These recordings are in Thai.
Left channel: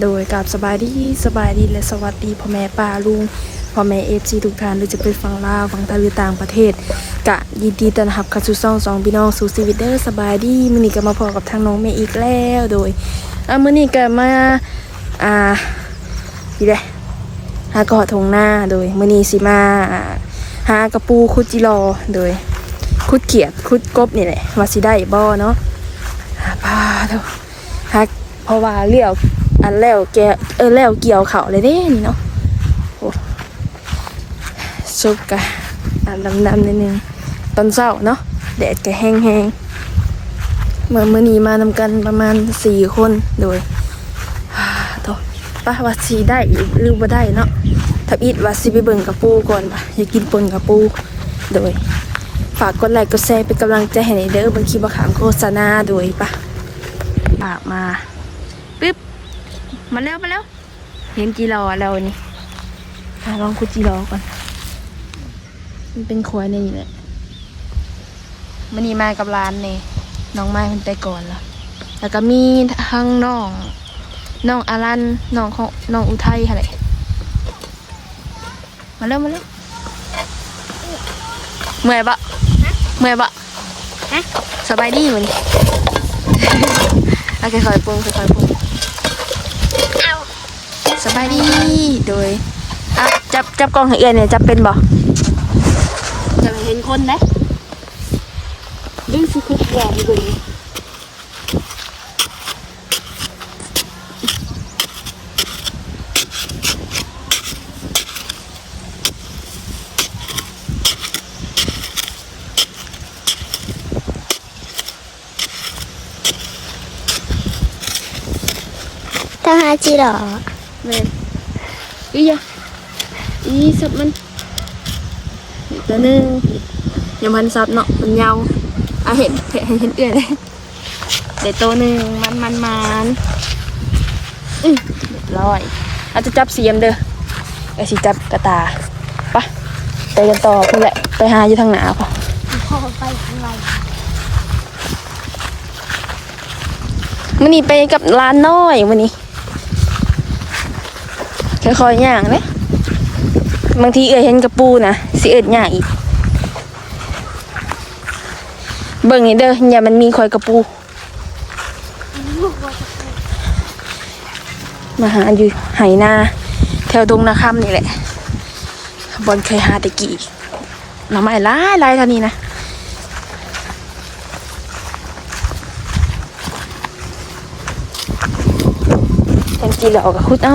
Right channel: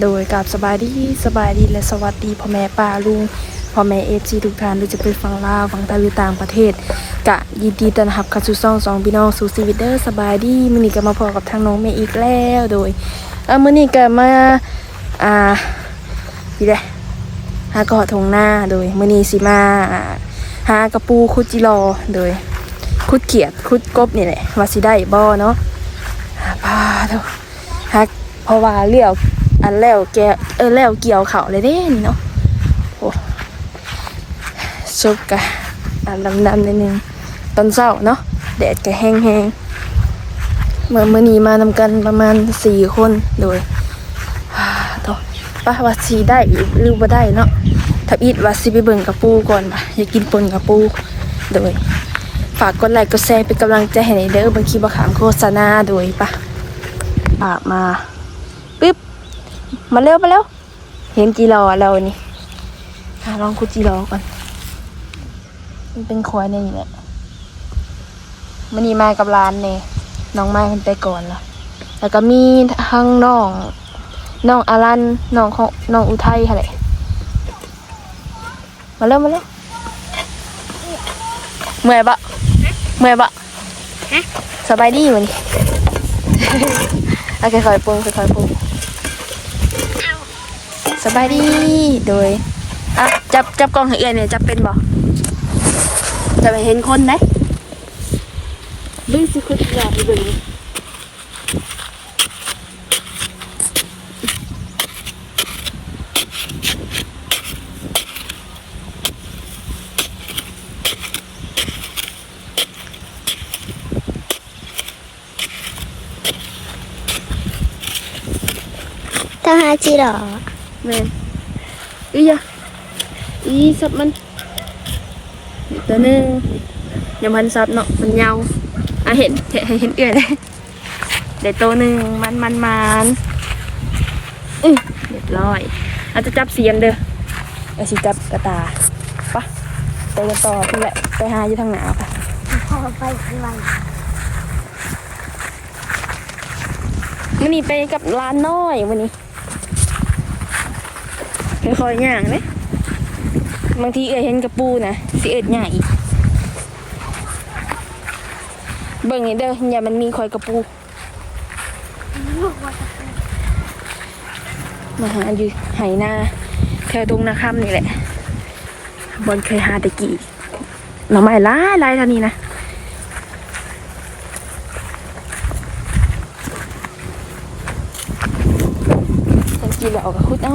โดยกับสบายดีสบายดีและสวัสดีพ่อแม่ป้าลุงพ่อแม่เอฟซีทุกท่านหรือจะเป็นฝั่งลาวฝั่งไทยหรือต่างประเทศกะยินดีต้อนรับเข้าสู่ซ่องสองพี่น้องสู่ชีวิตเด้อสบายดีมื้อนี้ก็มาพบกับทางน้องเมย์อีกแล้วโดยอะมื้อนี้ก็มาอ่าดีเด้หากอทงหน้าโดยมื้อนี้สิมาอ่าหากระปูคุดจิรอโดยคุดเขียดคุดกบนี่แหละว่าสิได้บ่เนาะหาปลาเถอะฮักเพราะว่าเลี้ยว อันแล้วแกเออแล้วเกี่ยวเขาเลยเด้นี่เนาะโอ้ซุปกะอันดำๆนิดนึงตอนเช้าเนาะแดดก็แห้งๆเมื่อเมื่อนี้มานำกันประมาณสี่คนโดยฮ่าโถป้าว่าสีได้หรือบ่ได้เนาะถ้าอีดว่าสิไปเบิ่งกับปูก่อนอยากกินปนกับปูโดยฝากกดไลค์กดแชร์เป็นกำลังใจให้ในเด้อบางทีบางขามโฆษณาโดยปะปากมา มาเร็วมาเร็ว เห็นจีรอเรานี่อะลองคุดจีรอก่อน มันเป็นควายในนี่แหละมันนี่มากับร้านเนี่ยน้องไม้มันไปก่อนแล้ว แล้วก็มีทั้งน้องน้องอารันน้องของน้องอุทัยอะไรมาเร็วมาเร็วเมื่อยปะเมื่อยปะสบายดีมันโอเคค่อยๆปรุงค่อยๆปรุง สบายดีโดยอะจับจับกล้องให้เอียนเนี่ยจับเป็นบ่จะไปเห็นคนนะดึงสิคุดยาที่ดึงต้องหาจีหรอ แมนอียะอีสับมันอีกตัวหนึงยังพันสับเนาะมันยาวอะเห็นเห็นเห็นเอียเลยเดี๋ยวตัวหนึ่งมันมันมันอือเรียบร้อย อาจจะจับเสียมเด้อไอ้สิจับกระตาปะไปกันต่อนั่นแหละไปหาอยู่ทางหนาปะพอไปข้างในมันนี่ไปกับร้านน้อยมันนี่ ค่อยๆย่างเลยบางทีเอ่ยเห็นกระปูนะสิเอิดย่างอีก เบิ่งนี่เด้ออย่ามันมีคอยกระปูมาหาอยู่ไหนาแถวดงนาคำนี่แหละบอลเคยหาตะกี้หน่อไม้หลายลายเท่านี้นะเห็นจีเหลากับคุดเอ้า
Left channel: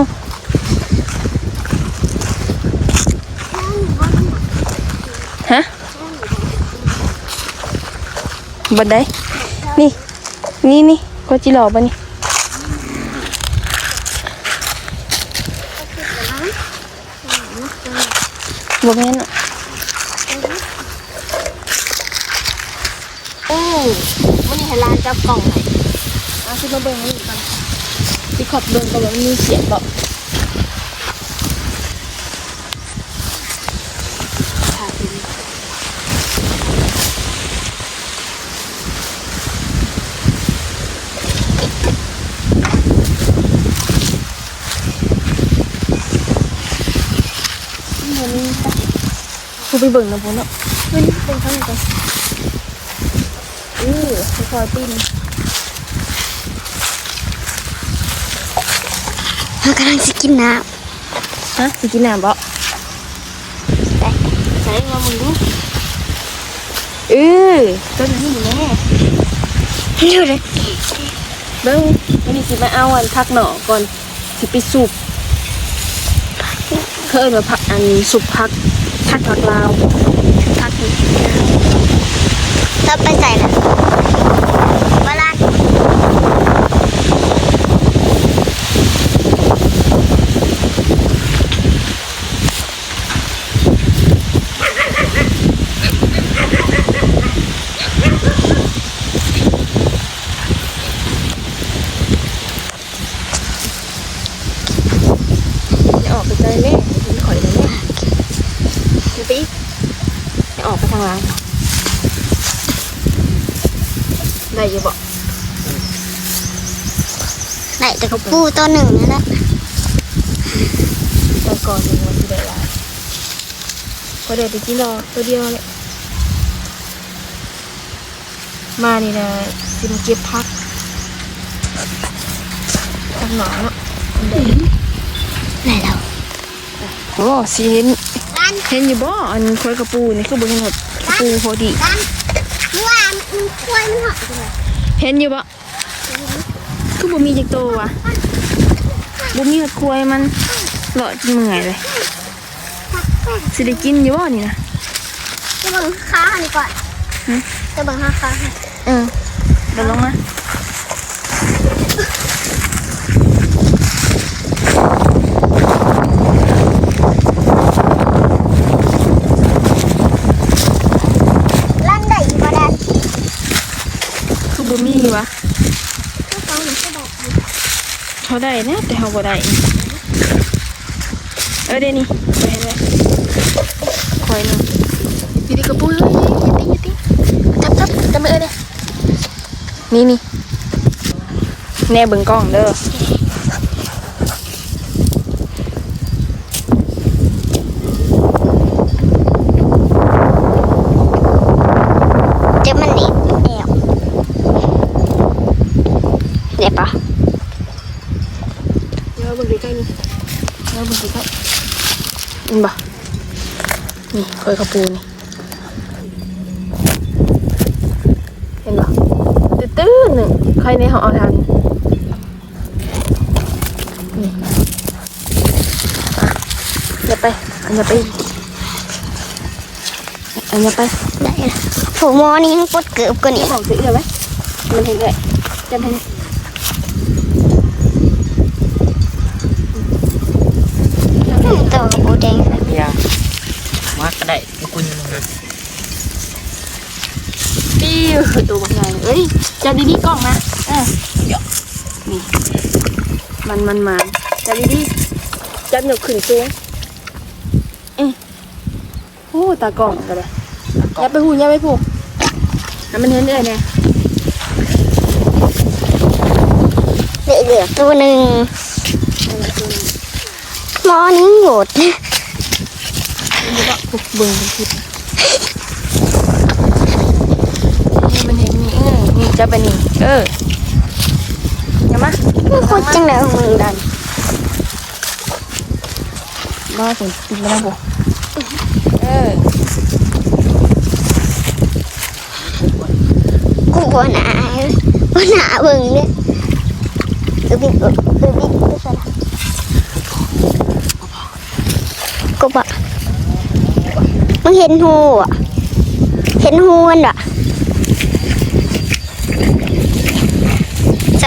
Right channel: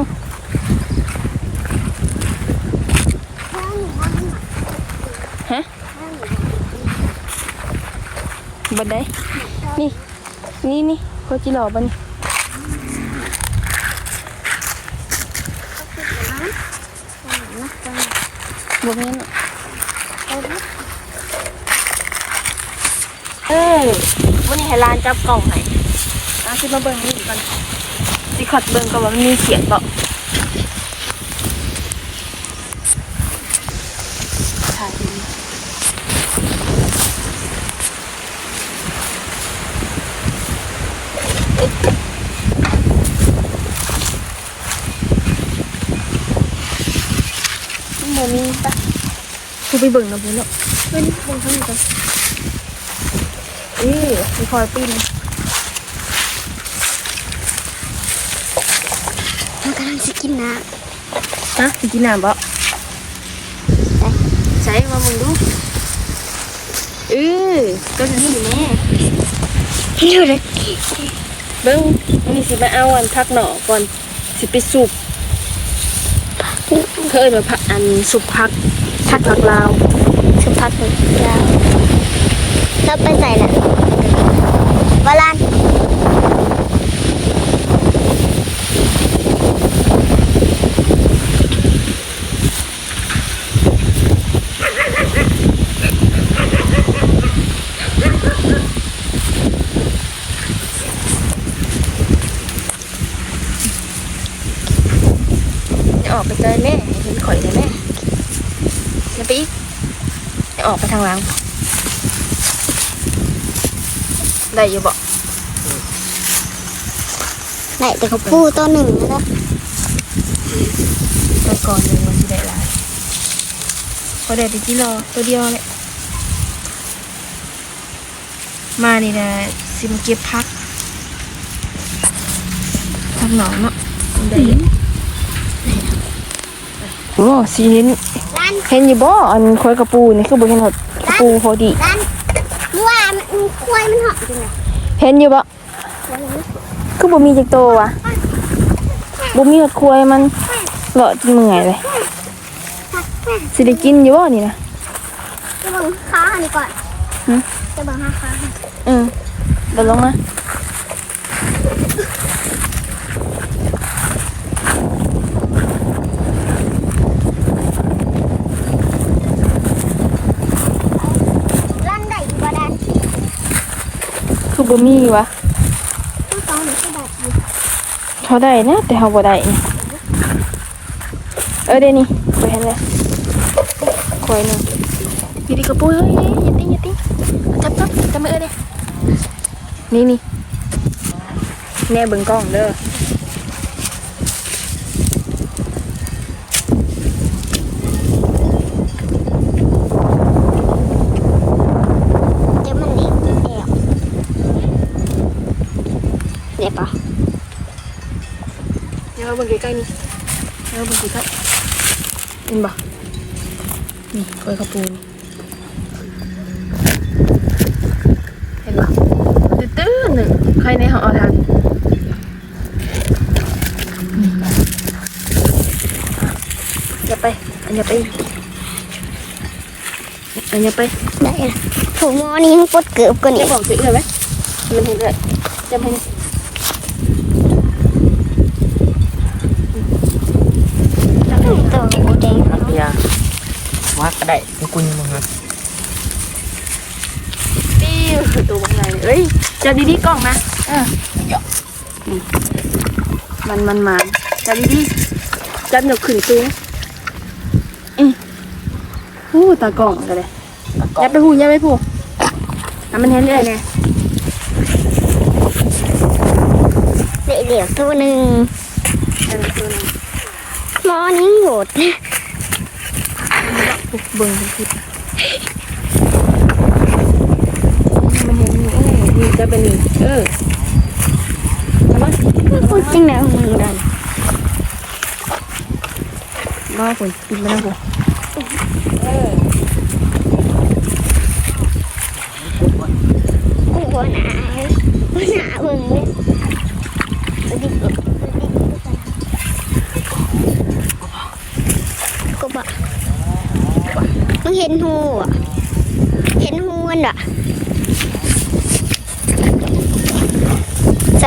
บันไดนี่ นี่นี่ก็จีเหลาปะนี่บ่แม่นอะเออมันให้ร้านจับกล่องให้อะคือมาเบิ่งนี่ก่อนสิขัดเบิ่งก่อนว่ามันมีเสียงบ่ถ่ายดีมันมีปะคือ ไปเบิ่งนะพ่อเนาะนี่นี่เป็นข้างในอือคอยปีนเรากำลังจะกินน้ฮะสิกินน้ำบ่ำไปใช้มามึงดูเออก็นั้นอยู่แม่ดูเลยเบิ้งวันนี้สิมาเอาอันพักหน่อก่อนสิไปสูบเพิ่นว่าพักอันสุบพัก ทักผักลาวสุบพักผักยาวถ้าไปใส่และบาลาน อย่าออกไปเจอแม่เห็นข่อยเลยแม่อย่าไปอีก อย่าออกไปทางหลังบ่ได้อยังบอกได้แต่กระปูตัวหนึ่งนี่แหละไปก่อนเลยวันที่ได้หลายก็ได้ไปกินรอตัวเดียวเลยมานี่นะสิมาเก็บพักทางหนองเนาะได้ได้แล้วอ๋อสิเห็นร้าน เห็นอยู่บ่อันคอยกระปูนี่คือบ่เห็นหดกระปูพอดี ร้านเมื่อวานมันควายมันหอมจังเลยเห็นอยู่บ่คือบ่มีจักโตววะบ่มีแบบควยมันเลาะจนเมื่อยเลยสิได้กินอยู่บ่นี่นะจะบังค้าอันนี้ก่อนหืมจะบังค้าค้าค่ะ เออเดี๋ยวลงมา ร้านได้มาได้ คือ บ่มีวะเขาได้นะแต่เขาบ่ได้เออเดี๋ยวนี้เดี๋ยวเลยควยหนึ่งอยู่ดีกระปูเฮ้ยย่าติ้งย่าติ้งจับจับจับมือเออเด้นี่นี่แน่เบิ่งกล้องเด้อเจอมันนี่แอบ เดี๋ยวปะเดี๋ยวเบิ่งใกล้ๆนี่เดี๋ยวเบิ่งใกล้ๆเห็นบ่นี่คอยกระปูนี่เห็นบ่ตื้อๆหนึ่งใครในห้องเอาทางนี่อย่าไปอย่าไปอย่าไปได้ละผมมอนี่มันปดเกือบกว่านี้บอกสิเลยไหมมันเห็นเลยจำให้นะ ตัวกระปูแดง เบียร์ว่าก็ได้ทุกคนนะ ปิ้วตัวมันใหญ่เอ้ย จับดีๆกล้องนะเออนี่มันมันมันจับดีๆจับหยกขึ้นสูงอือโอ้ตากล้องก็เลยอย่าไปหูอย่าไปผูกให้มันเห็นเลยเนี่ยเหลือเหลือตัวหนึ่งให้มันตัวนึงหมอนี่โหดผูกเบิ่งเป็นคลิปมันเห็นนี่เออนี่ จับไปนี่เอออย่ามามันโคตรจังเลยมึงดันรอผลกินแล้วนะผมกูหัวหนาหัวหนาเบิ่งเนี่ยตัวบิ๊กตัวบิ๊กตัวสละกบอะมึงเห็นหูอะ เห็นหูมันอะ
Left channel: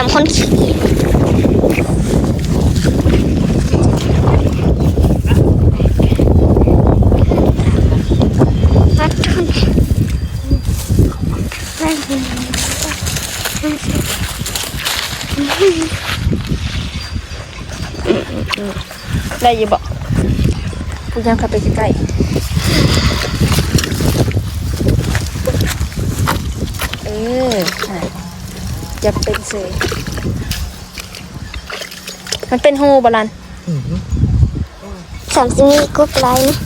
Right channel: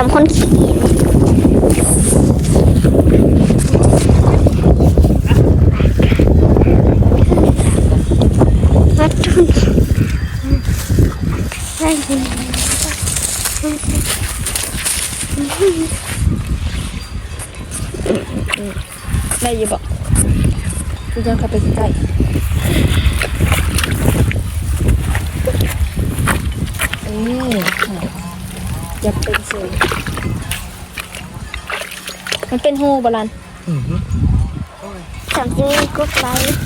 สามคนขี่วัดทุนไปเลย ได้อยิบบอกกูยังขับไปใกล้เออจะเป็นเสย มันเป็นหูบาลันสามสิบมีกุ๊กไลท์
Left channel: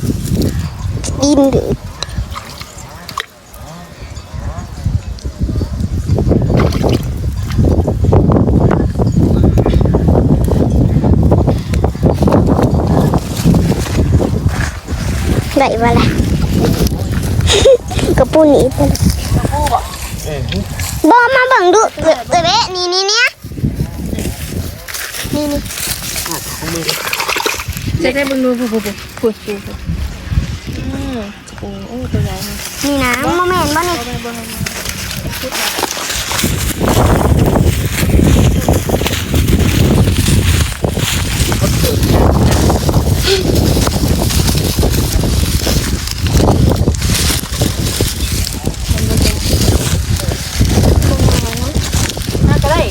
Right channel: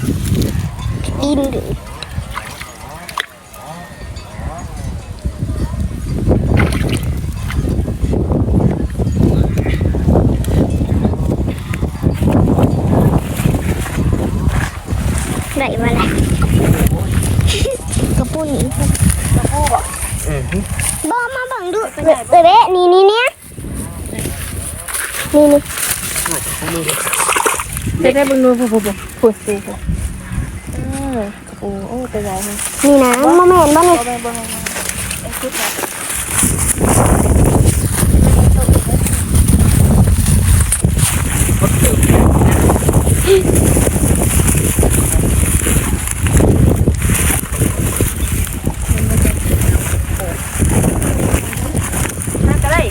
ดินหรือได้ว่าละกระปูหนีไปบอมาเบังดูเอะเอะเบะนี่นี่เนี่ย นี่นี่ขาดของมือจะได้บึงนูผูผูผูผูผูผูเออโอ้โอ้ตัวใหญ่เลยนี่นะโมเมนต์บ้านี่เอาไปบ่ให้มัน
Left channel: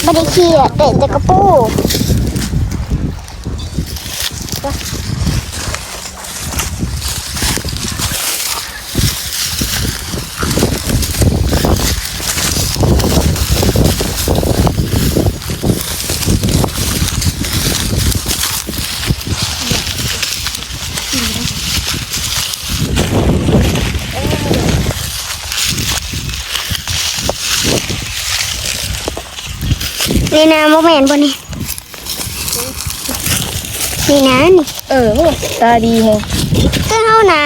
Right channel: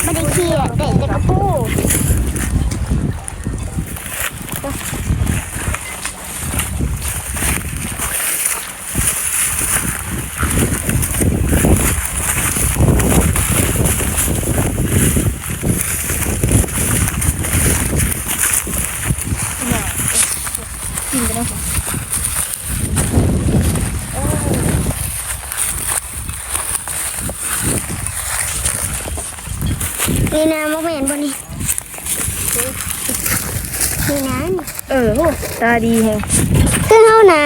ไม่ได้เครียดเด็ดแต่กระปู นี่นะโมเมนต์บนนี่นี่นะนี่เออโหตาดีแฮงคือเฮานะ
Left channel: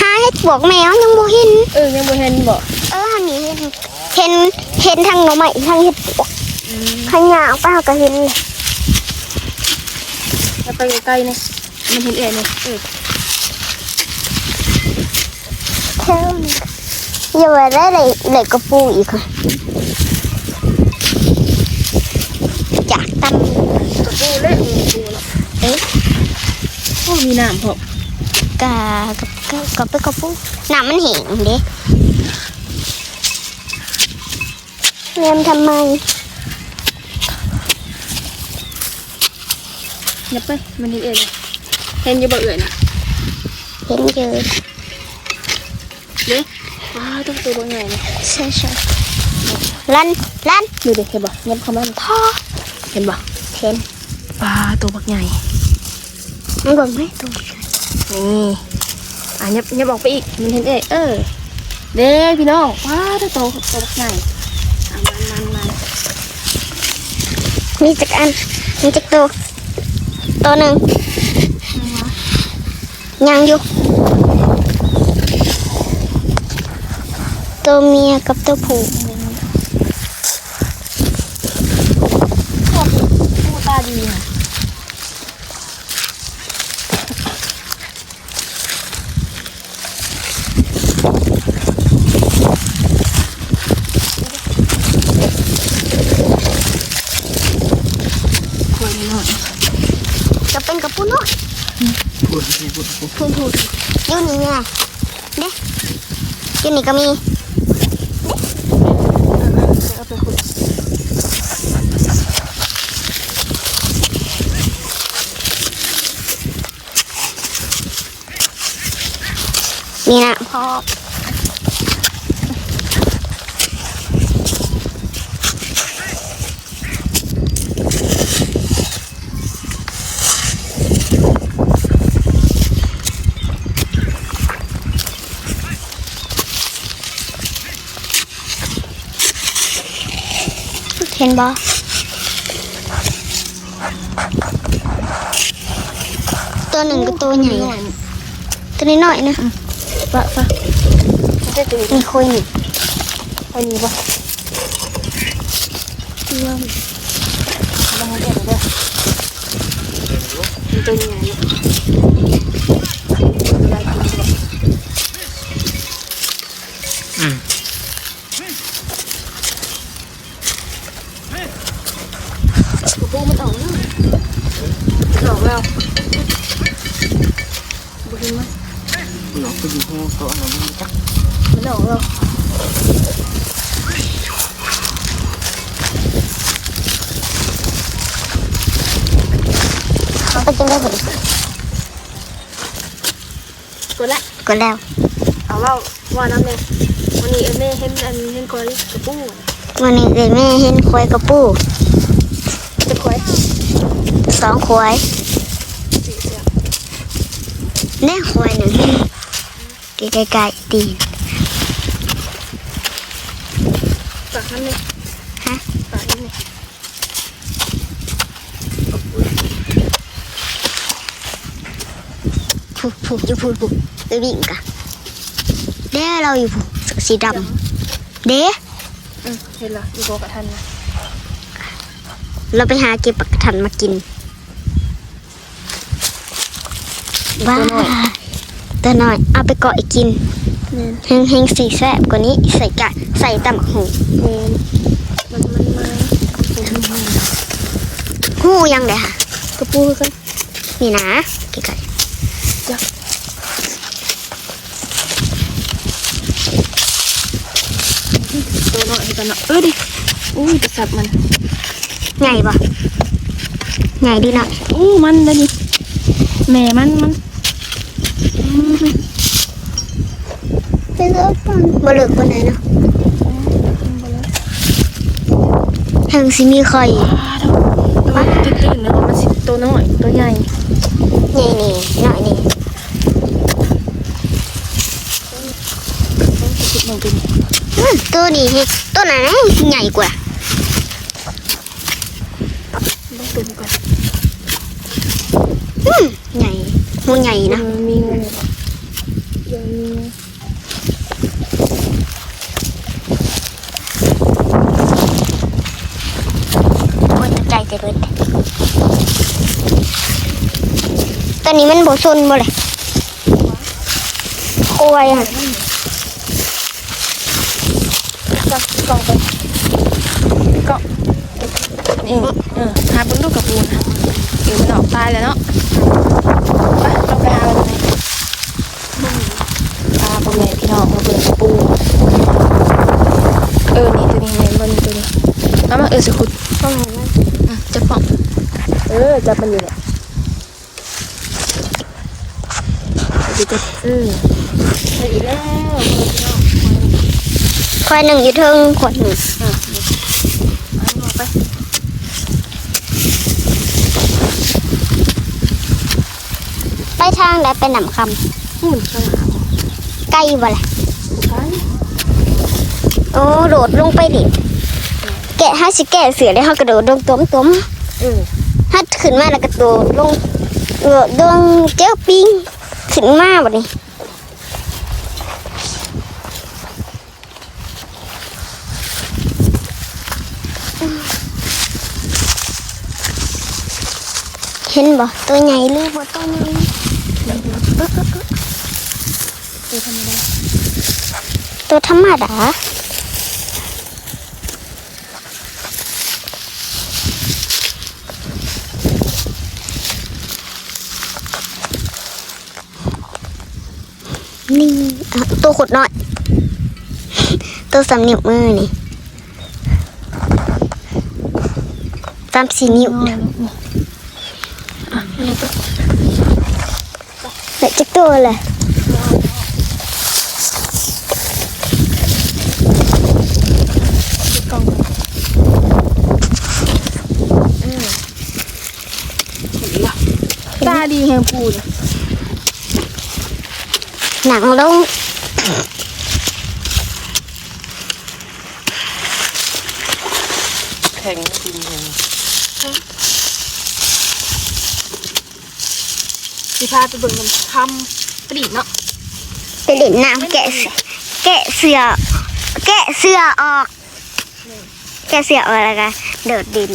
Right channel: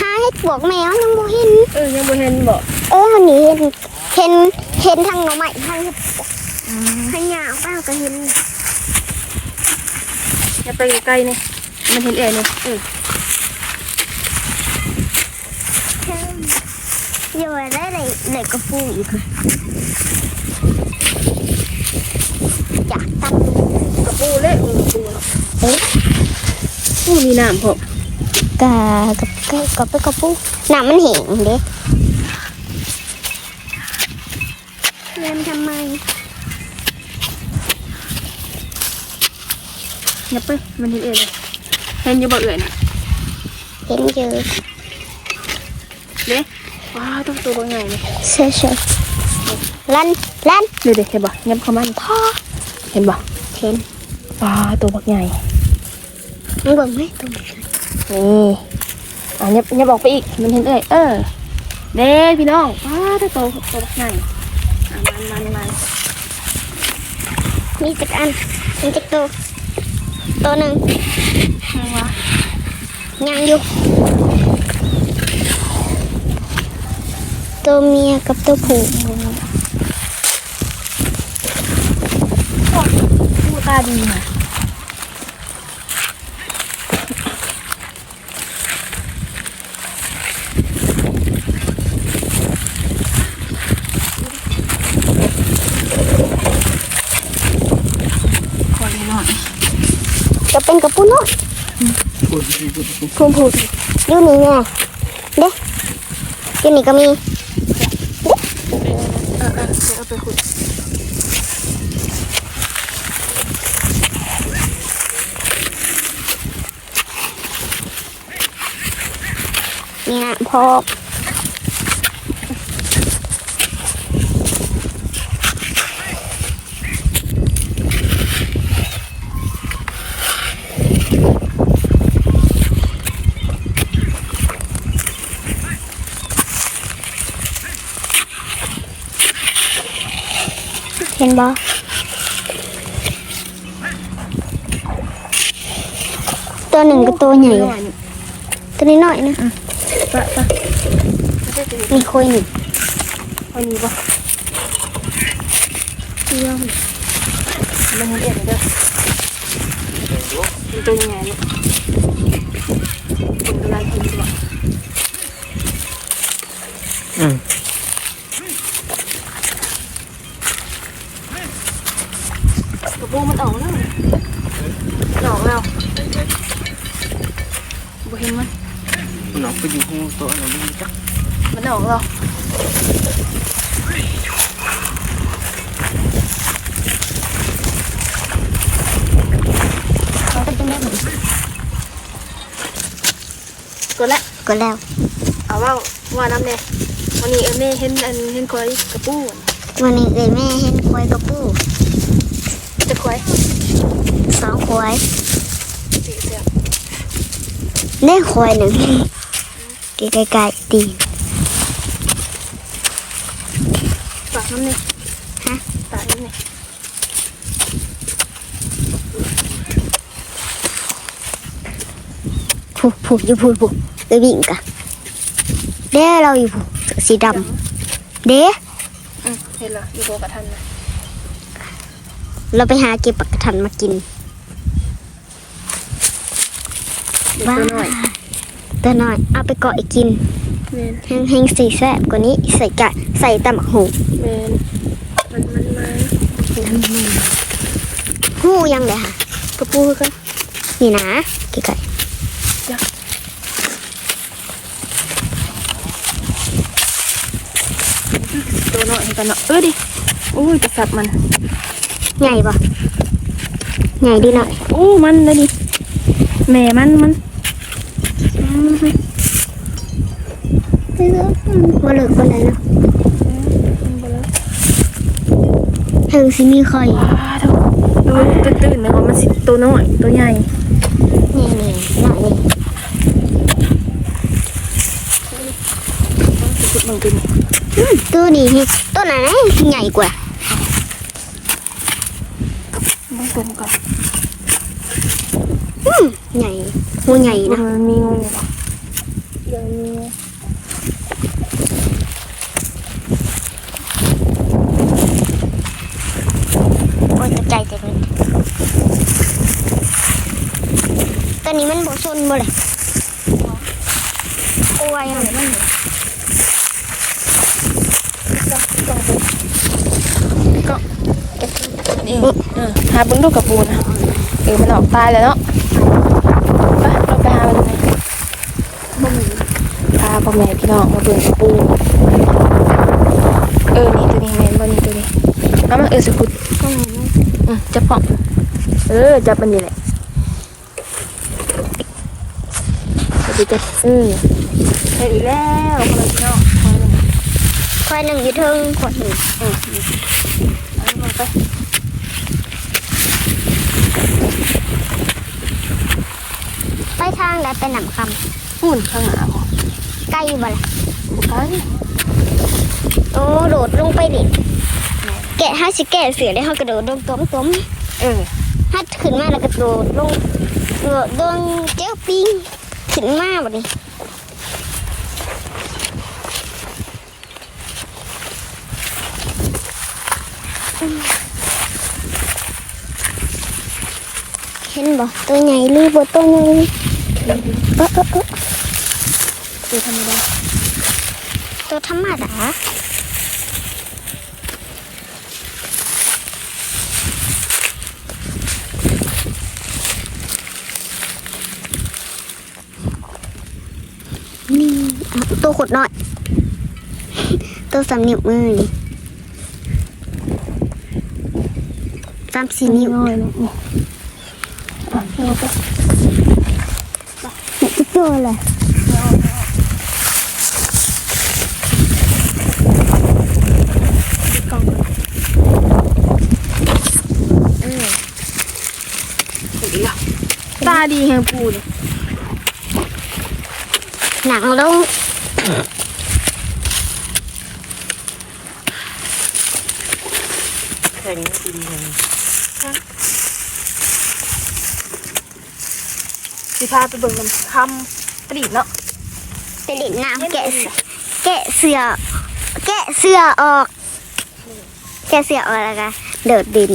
หาเฮ็ดบวกแมวยังบ่เห็นเออยังบ่เห็นบ่เออเฮานี่เห็นเห็นเห็นทางหน่อไม้ทางเฮ็ดบวกทางยาวป้าก็เห็นเลยอย่าไปใกล้ๆนี่มันเห็นแอร์นี่เออเท่านี้อย่าว่าได้เลยเลยกระปูอีกค่ะจากตั้ม กระ ปูเละเออกระปูเอ๊ะอู้มีน้ำพร้อมกากับกับกับไปกระปูน้ำมันแห้งเด้เงินทำไมอย่าไปมันเห็นแอร์เลยเห็นอยู่บ่เอ่ยน่ะเห็นเยอะเด้ว้าต้องตัวบ่ใหญ่เลยเช่เช่ลันลันดูดิเห็นบ่ยับเข้ามานี่พ่อเห็นบ่เห็น ปลาตัวบักใหญ่มันก่อนไหมตรงนี้นี่อะยับยับออกไปอีกมันเห็นแอร์เออเด้พี่น้องว้าตัวโตตัวบักใหญ่อะมันมันมันมีจักอันมีจักตัวตัวหนึ่งยังวะยังอยู่ตัวเมียกับตัวผู้ผู้ตาดีนะ คอยหน่อย ก็เป็นกระปุกเนาะพูดสิพูดสิพูดพูดอยู่นี่ไงเด้ยูนี่ก็มีเอาไปคุยนี่นะพอ เห็นบ่ตัวหนึ่งกับตัวใหญ่หน่อยตัวนี้หน่อยนะปะปะมันจะถึงมีคุยหนึ่งคอยนี้บ่เที่ยวมันเห็นเด้อมันตัวใหญ่เนี่ยมันน่ากินจัง อืม กระปูมันออกแล้วมันออกแล้วบุกินมัน คุณน้องไปอยู่ห้องโต๊ะอะไรนี่จ้ะ มันออกแล้ว เขาก็จะได้ผล กดละ ก็แล้ว เอาว่าว่าน้ำเนี่ยวันนี้เออแม่เห็นอันเห็นคอยกระปูอันวันนี้เอ้ยแม่เห็นควายกระปูจะคอยสองควายสีเสือเล่ควายหนึ่งไกลๆตีนปากน้ำเนี่ยฮะปากน้ำเนี่ยผูผูอยู่ผูผูเดี๋ยววิ่งกันเด้เราอยู่ผูเสื้อสีดำเด้อืมเห็นเหรออยู่โบกับท่านเนี่ยเราไปหาเก็บปักกระทันมากินอยู่ว้าตัวน้อยตัวน้อย เอาไปเกาะอีกกินแม่นแห้งๆสีแซ่บกว่านี้ใส่กะใส่ตำบักหูแม่นมันมันมาหูยังเลยค่ะกระปูคือกันนี่นะไกล ตัวน้อยเห็นกันเนาะเออดิโอ้ยจะสับมันๆใหญ่ปะใหญ่ดีหน่อยโอ้มันเลยดิแม่มันมันอืมไปเลิกกันบ่เลิกปานใดเนาะถึงสิมีไข่อ่าทุกคนมันจะตื่นนะว่ามันสิตัวน้อยตัวใหญ่นี่นี่หน่อยนี่ นึ่งตัวนี้ อืม ตัวนี้ตัวไหนใหญ่กว่าต้องตัวนี้ก่อนอืมใหญ่หัวใหญ่นะมันมีงูยังมีโอ้ยตกใจเกิดเลยตอนนี้มันโบซนบ่เลยโอ้ยอะ ก ล่องกล่องนี่เออหาเบิ้งดูกับปูนะเออมันออกตายแล้วเนาะไปเอาไปหาเลยตาพ่อแม่พี่น้องมาเบิ่งปูเออนี่ตัวนี้แม่นบ่นี่ตัวนี้เอามาเออสิขุดเออจับปองเออจับมันอยู่ดูจับเออใช่แล้วพี่น้อง ควายหนึ่งอยู่เทิงขวดหนึ่งเอามาไปไปทางแล้วไปหนำคหุ่นข้างหลังำใกล้บ่เลยกันโอ้โดดลงไปดิแกะห้าสิแกะเสือได้ห้ากระโดดลงต้มต้มเออฮัดขึ้นมาแล้วก็โดดลงโดดลงเจ้าปิงขึ้นมาแบบนี้ เห็นบ่ตัวใหญ่หรือบ่ตัวใหญ่โอ๊ะโอ๊ะโอ๊ะคือธรรมดาตัวธรรมดานี่ตัวขดหน่อย ตัวสามนิ้วมือนี่สามสี่นิ้วนี่ นะนี่อะเอาไปเดี๋ยว สิพาไปเบิ่งน้ำคำปรีดเนาะไปเล่นน้ำแกะเสือแกะเสือ แกะเสือออก แกะเสือออกแล้วก็เดิดดิน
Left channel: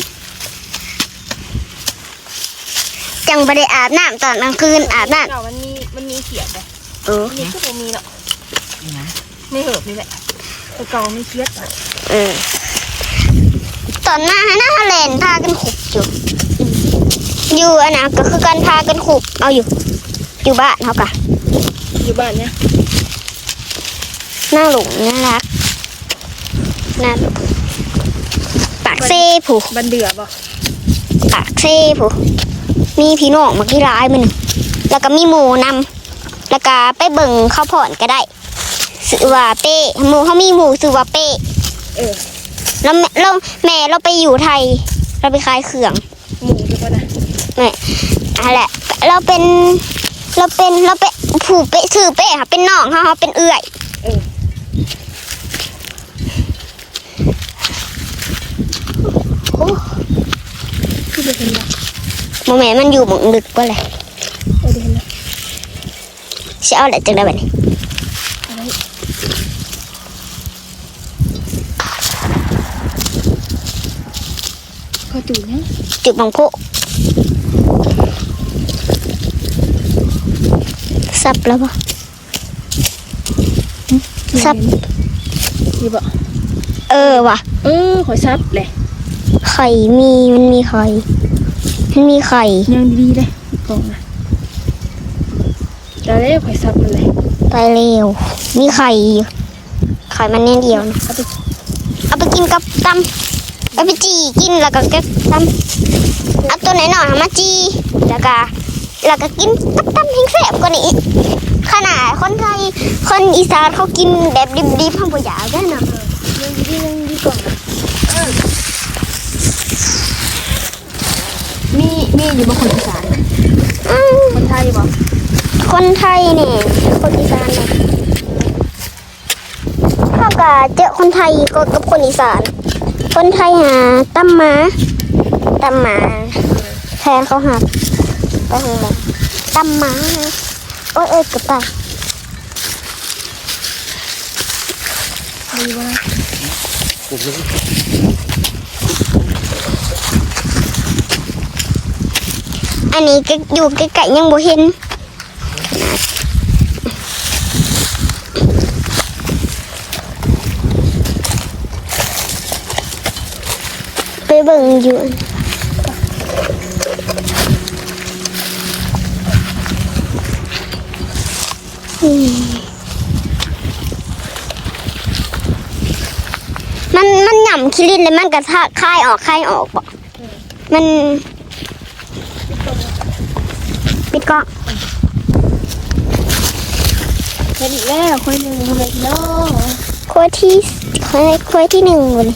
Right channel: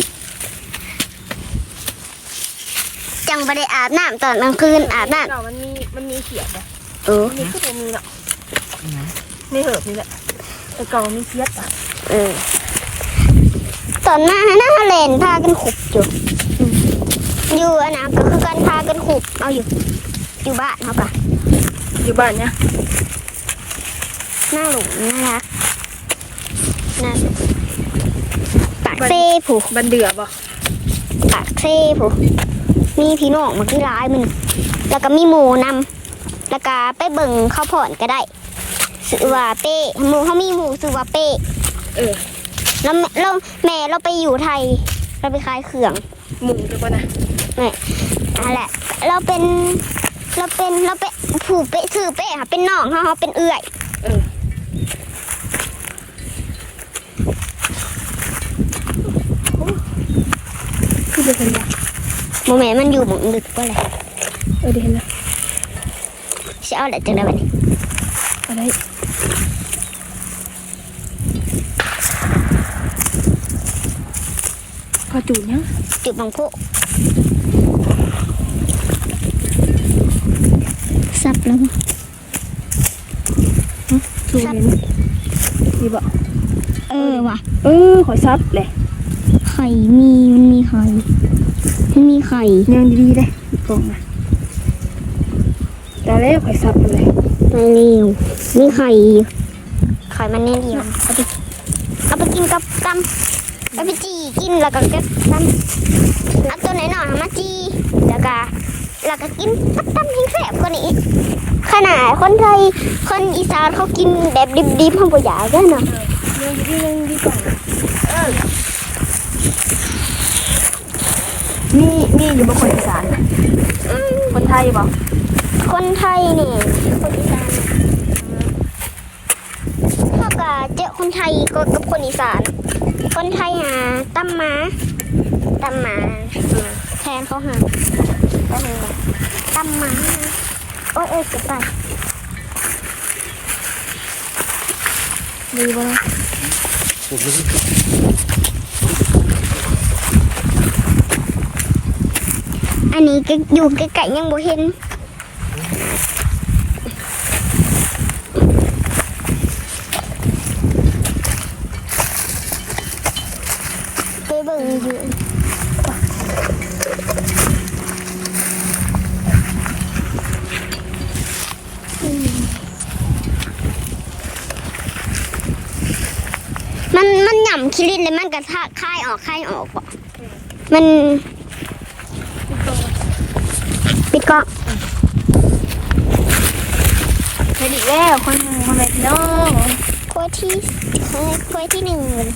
จังบ่ได้อาบน้ำตอนกลางคืนอาบน้เนาะมันมีมันมีเขียดเลยำเออมันมีคือบ่มีเนาะไม่เหิบนี่แหละแต่เก่ามีเขียดป่ะเออตอนมาหน้าเลนพากันขุบอยู่ อืมอยู่อันนั้นก็คือการพากันขุบเอาอยู่ อยู่บ้านเขาปะอยู่บ้านเนี่ยน่าหลงน่ารักน่าปากเซ่ผูบันเดือบ่ปากเซ่ผูมีพี่น้องมากี่ร้ายมันแล้วก็มีหมูนำแล้วก็ไปเบิ่งข้าวผ่อนก็ได้สือว่าเป้หมูเขามีหมูสือว่าเป้เออแล้วแม่เราแม่เราไปอยู่ไทย เราไปขายเครื่องหมูจะป่ะนะ อะไรเราเป็นเราเป็นเราเป็นผูเป้สื่อเป้ค่ะเป็นน้องเขาเขาเป็นเอื่อยเออโอ้คือไปเห็นแล้วโมแม่มันอยู่หมองดึกก็เลยเออเดี๋ยวเห็นแล้วจะเอาอะไรจังได้บ้นี้อะไรพอจูนยังจุดบังโพ ซับแล้วปะซับนี่บ่เออว่ะเออขอซับเลยไข่มีมันมีไข่มันมีไข่ยังดีๆเลยอีกกล่องนะจะเล่ขอยซับมันเลยไปเร็วมีไข่อยู่ไข่มันแน่เดียวเอาไปเอาไปกินกับตำเอาไปจีกินแล้วก็กับตำเอาตัวไหนหน่อยเอามาจีแล้วก็ แล้วก็กินกับตำแห้งแสบกว่านี้อีกขนาดคนไทยคนอีสานเขากินแบบดิบๆเขาบ่อยากได้เนาะยังดีๆยังดีกล่องนะมีมีอยู่บางคนอีสานนะอืมคนไทยบอกคนไทยเนี่ยคนอีสานเนี่ยว่าเจอคนไทยก็กับคนอีสาน คนไทยหาตั้มหมาตั้มหมาแทนเขาหาก็ คงบอกตั้มหมาโอ้ยเอ้ยเกับตายดีบ่ ผมไม่ได้ อันนี้ก็อยู่ใกล้ๆยังบ่เห็น ไปเบิ่งอยู่อืมมันมัน หย่ำคิรินเลยมันกระทะคายออกคายออกบ่มัน ปิดกล้องเฮ็ดอีกแล้วค่อยหนึงบ่แม่พี่น้องควยที่ควยควยที่หนึ่งเลย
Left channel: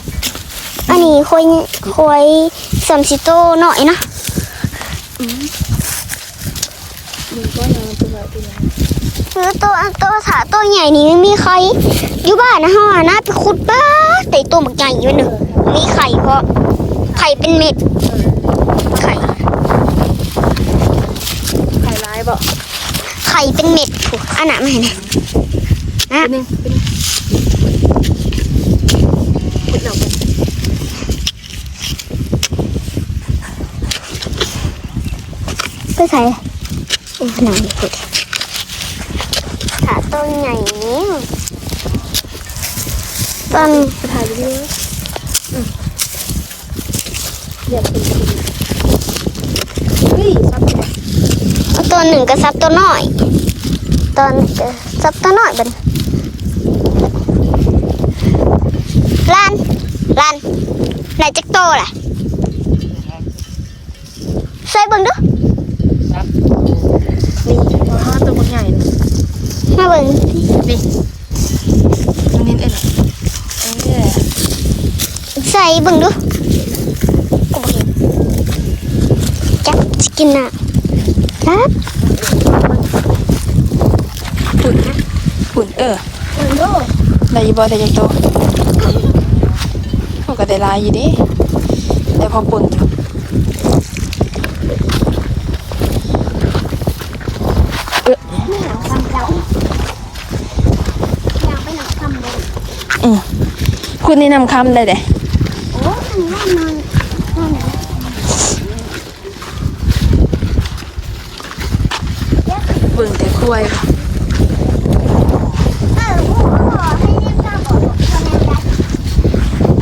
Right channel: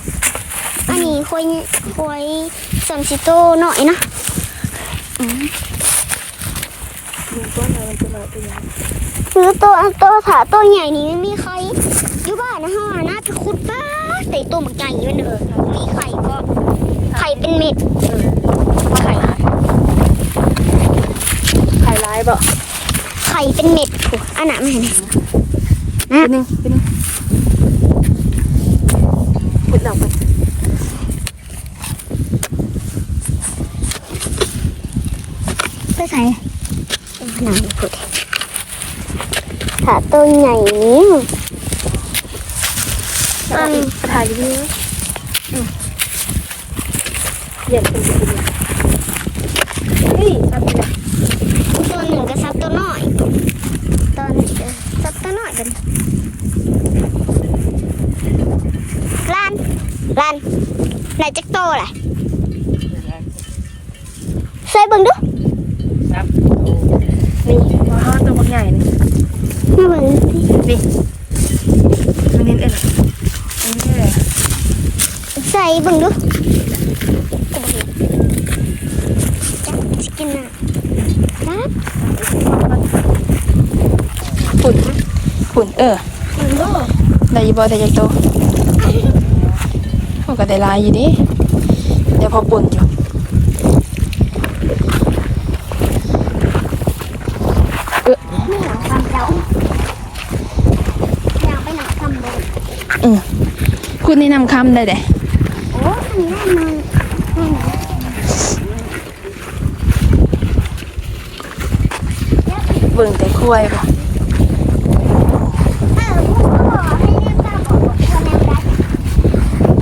อันนี้ควยควยสามสิโตหน่อยนะมึงก็ยังมันตัวน้อยตัวใหญ่คือตัวตัวถาตัวใหญ่นี่ไม่มีใคร อยู่บ้านนะฮะนะไปขุดบ้าแต่ตัวมันใหญ่อยู่หนึ่ง มีไข่เพราะไข่เป็นเม็ดไข่ไฮไลท์บ่ไข่เป็นเม็ดถูกอันนั้นไม่เห็นไหมเป็นหนึงเป็นหนึงเฮ็ดแล้วเพิ่นก็ใส่เป็นผนังขุดถาตัวใหญ่นี้ตอนไปถ่ายวิดี โออืมเรียกเป็นเป็นเฮ้ยชัดเลยตัวหนึ่งก็ซับตัวน้อยตอนก็ซับตัวน้อยบันลานลานไหนจักโตแหละใส่เบิ่งดูนี่อ๋อตัวบักใหญ่นี่มาเบิ่งสิ นี่นี่เอ็นอันนี้ ใส่เบิ่งดูกูบ่เห็นจักสกินน่ะครับฝุ่นฝุ่นเออได้อยี่บ่ได้จักโตมันก็ได้หลายอยู่เด้ได้พอปุ่นอยู่ไม่หนังทำเจ้าอยากไปหนังทำเลยอืมคุณนี่นำคำได้เด้ เบิ่งแต่คุ้ยบ่เออผู้บอกให้เรียกตามบอกคนนั้นได้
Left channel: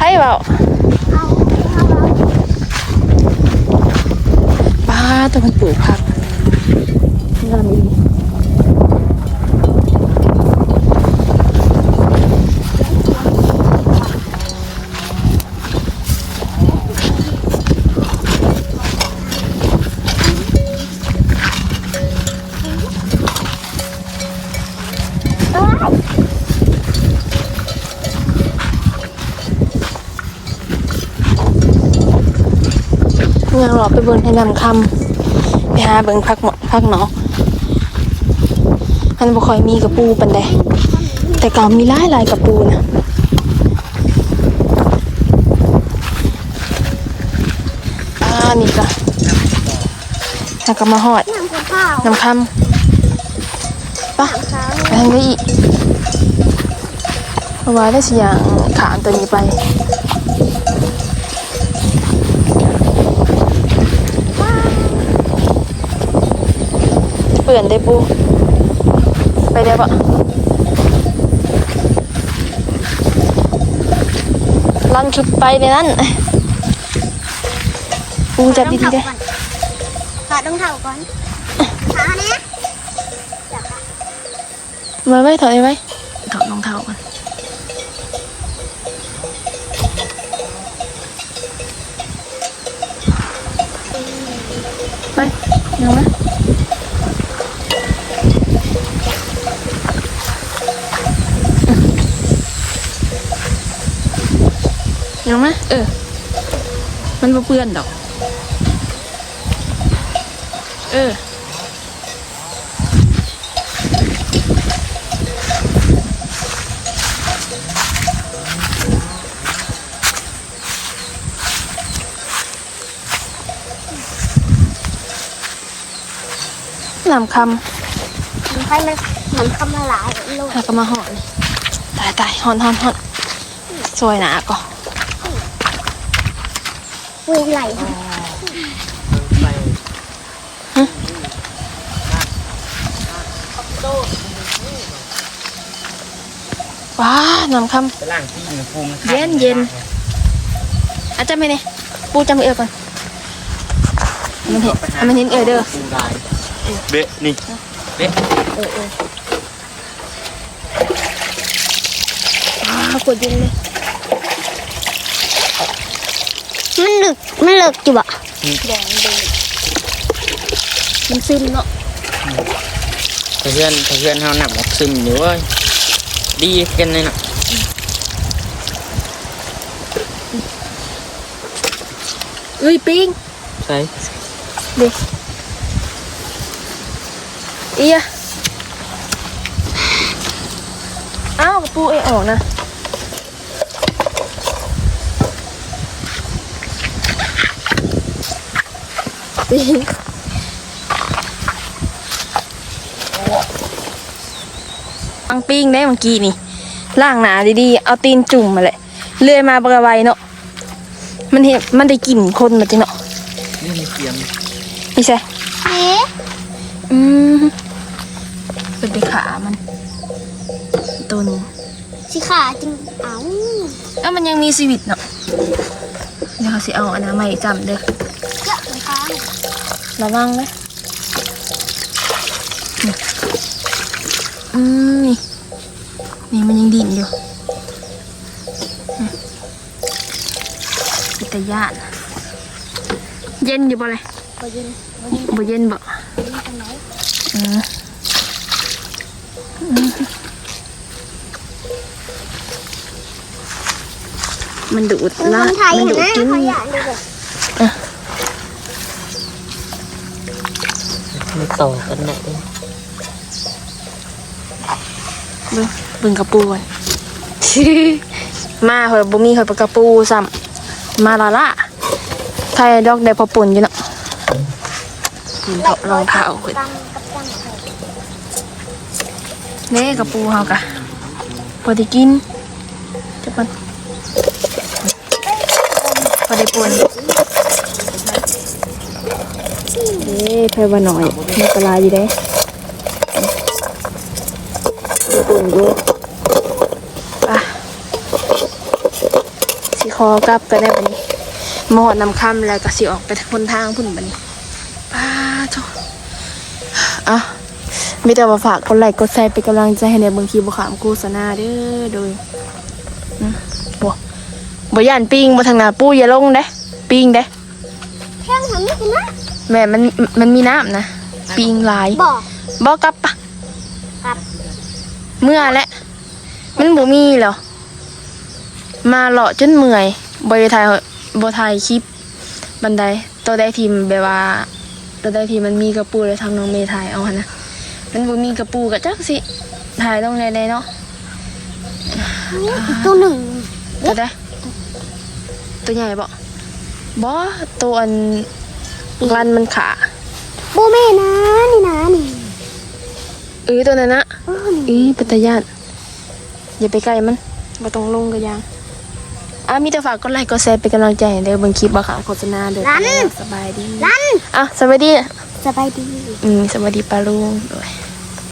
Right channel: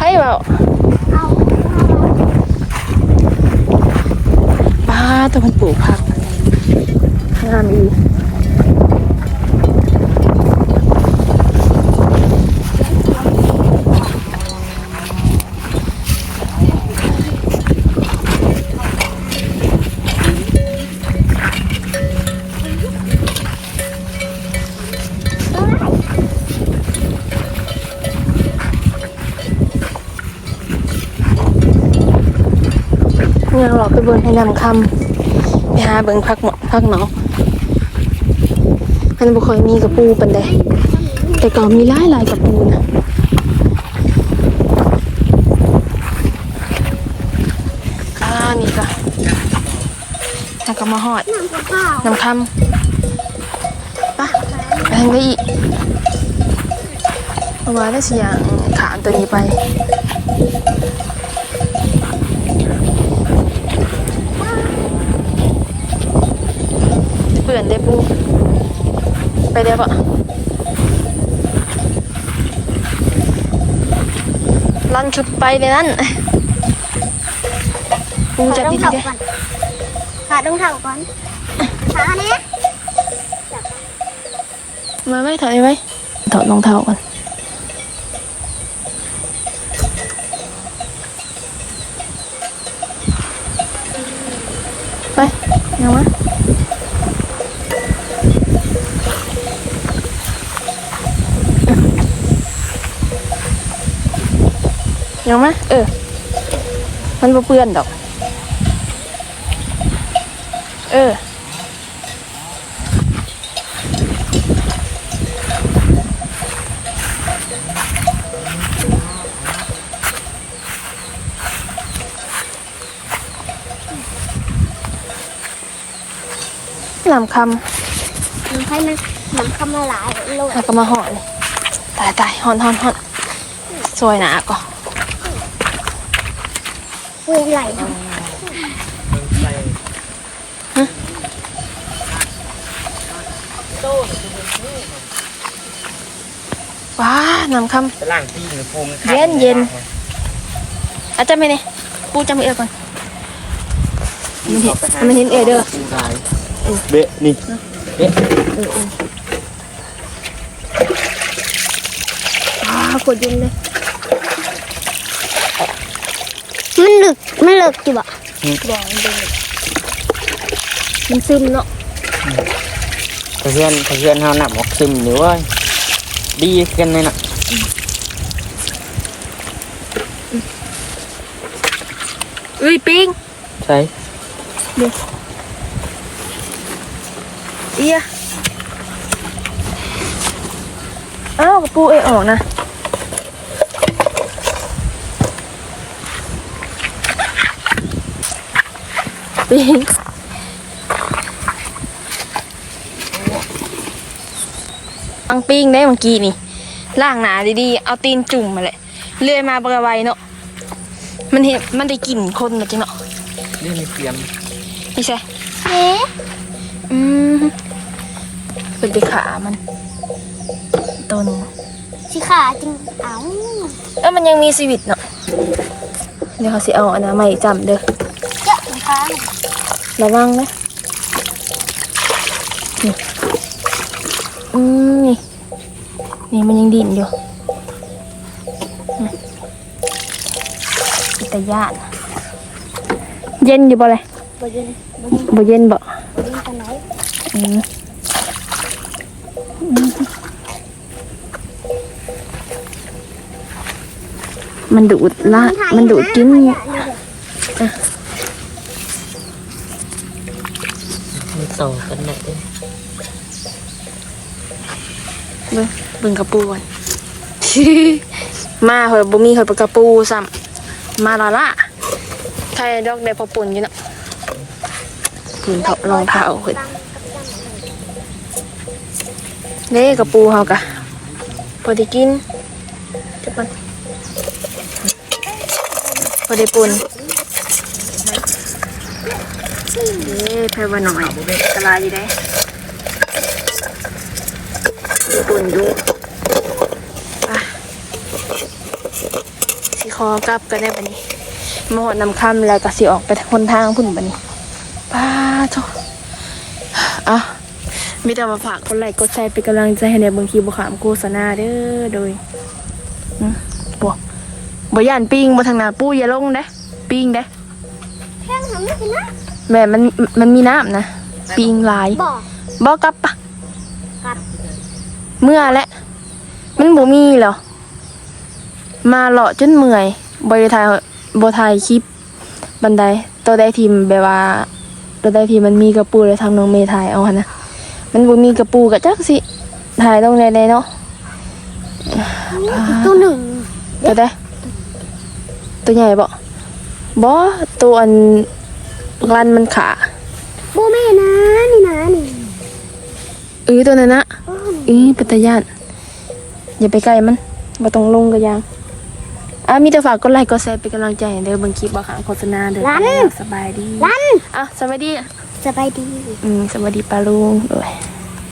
ให้เว้าเอาเอาเอาป้าแต่มันปลูกผักงามอี เบิ่งให้นำคำไปหาเบิ่งผักหมอผักเนาะมันบ่ค่อยมีกระปูปานใดแต่ก็มีหลายหลายกระปูนะอ่านี่ก็แล้วก็มาหอดน้ำคำปะไปทางนี้อีกเพราะว่าได้สิอย่างขามตัวนี้ไป ปื่อนได้ปู ไปได้ปะลันชุดไปเลยนั่นปูจับดีๆเลยหาดงเท้าก่อนหาเนี่ยมาไว้ถอดไว้ถอดรองเท้าก่อนไปยังวะ เหรงไหมเออ มันเปื้อนดอก เออลำคำมันให้มนเมืนคำละหลานหากมาหอน ตายตายหอนหอนหอนสวยหนาก็ คุยไหลว้าน้ำคไปล่างที่มีภูมิำเย็นเย็นอาจจะไม่เนี่ยปูจำไม่เอือก่อนมันเห็นมันเห็นเอือเด้อเบะนี่เบะว้ากดเย็นเลย มันลึกมันลึกอยู่บ่แดงเด้มันซึมเนาะเพื่อนเพื่อนเขาหนักออกซึมอยู่ว่าดีกันเลยนะเอ้ยปิงใช่เอียอ้าวกระปูเอยออกนะ ปิงปังปิ้งได้เมื่อกี้นี่ล่างหนาดีๆ เอาตีนจุ่มมาเลยเลื่อยมาบกระไวเนาะมันเห็นมันได้กลิ่นคนมาจริงเนาะนี่ในเกียมพี่ใช่เอ๊ะอืมเป็นไปขามัน ตัวนี้สิขาจริงเอ้าเอ้ามันยังมีชีวิตเนาะเดี๋ยวเขาสิเอาอันนั้นมาให้จำเด้อเจ้าสิขา ระวังนะนี่อืมนี่ นี่มันยังดิ่นอยู่อืมอิตาญาณเย็นอยู่บ่เลยบ่เย็นบ่เย็นบ่เย็นบ่บ่เย็นปานไหนอืมอืมมันดูดละมันดูดกิน มีต่องกันแน่เลยเบิ่งเบิ่งกระปูก่อน มาเหอะบ่มีเหอะปลากระปูซ้ำมาละละใครดอกได้พอปุ่นอยู่เนาะปุ่นเถาะรองเท้าเพิ่นเด้กระปูเฮากะพอได้กินจักมันพอได้ปุ่น เด้แพ่ว่าหน่อยมีตราอยู่เด้ได้ปุ่นอยู่อะสิคอกลับก็ได้บัดนี้มอดนำคำแล้วก็สิออกไปทางทางพุ่นบัดนี้ป้าโถอะมีแต่มาฝากกดไลค์กดแชร์เป็นกำลังใจให้ในบางทีบุขามโฆษณาเด้อโดยอืมบ่บ่ย่านปิ้งบ่ทางนาปูอย่าลงเด้ปิ้งเด้แข้งหันนี่คือนะ แม่มันมันมีน้ำนะปิ้งหลายบอกบ่กลับปะเมื่อและ มันบ่มีเหรอมาเลาะจนเมื่อยบ่ได้ถ่ายบ่ถ่ายคลิปบันไดตัวได้ทีมแบบว่าตัวได้ทีมมันมีกระปูแล้วทางน้องเมย์ถ่ายเอาหั่นนะมันบ่มีกระปูก็จักสิถ่ายลงได้ๆเนาะตัวหนึ่งตัวได้ตัวใหญ่บ่บ่ตัวอัน รันมันขาโบแม่นะนี่นะนี่เออตัวนั้นนะเออปิตยาตอย่าไปใกล้มันบ่ต้องลงก็ยังอะมีแต่ฝากกดไลค์กดแชร์เป็นกำลังใจให้เด้อเบิ่งคลิปบ่ค่ะโฆษณาเด้อสบายดีรันอะสวัสดีสบายดีอืมสวัสดีปาลุงด้วย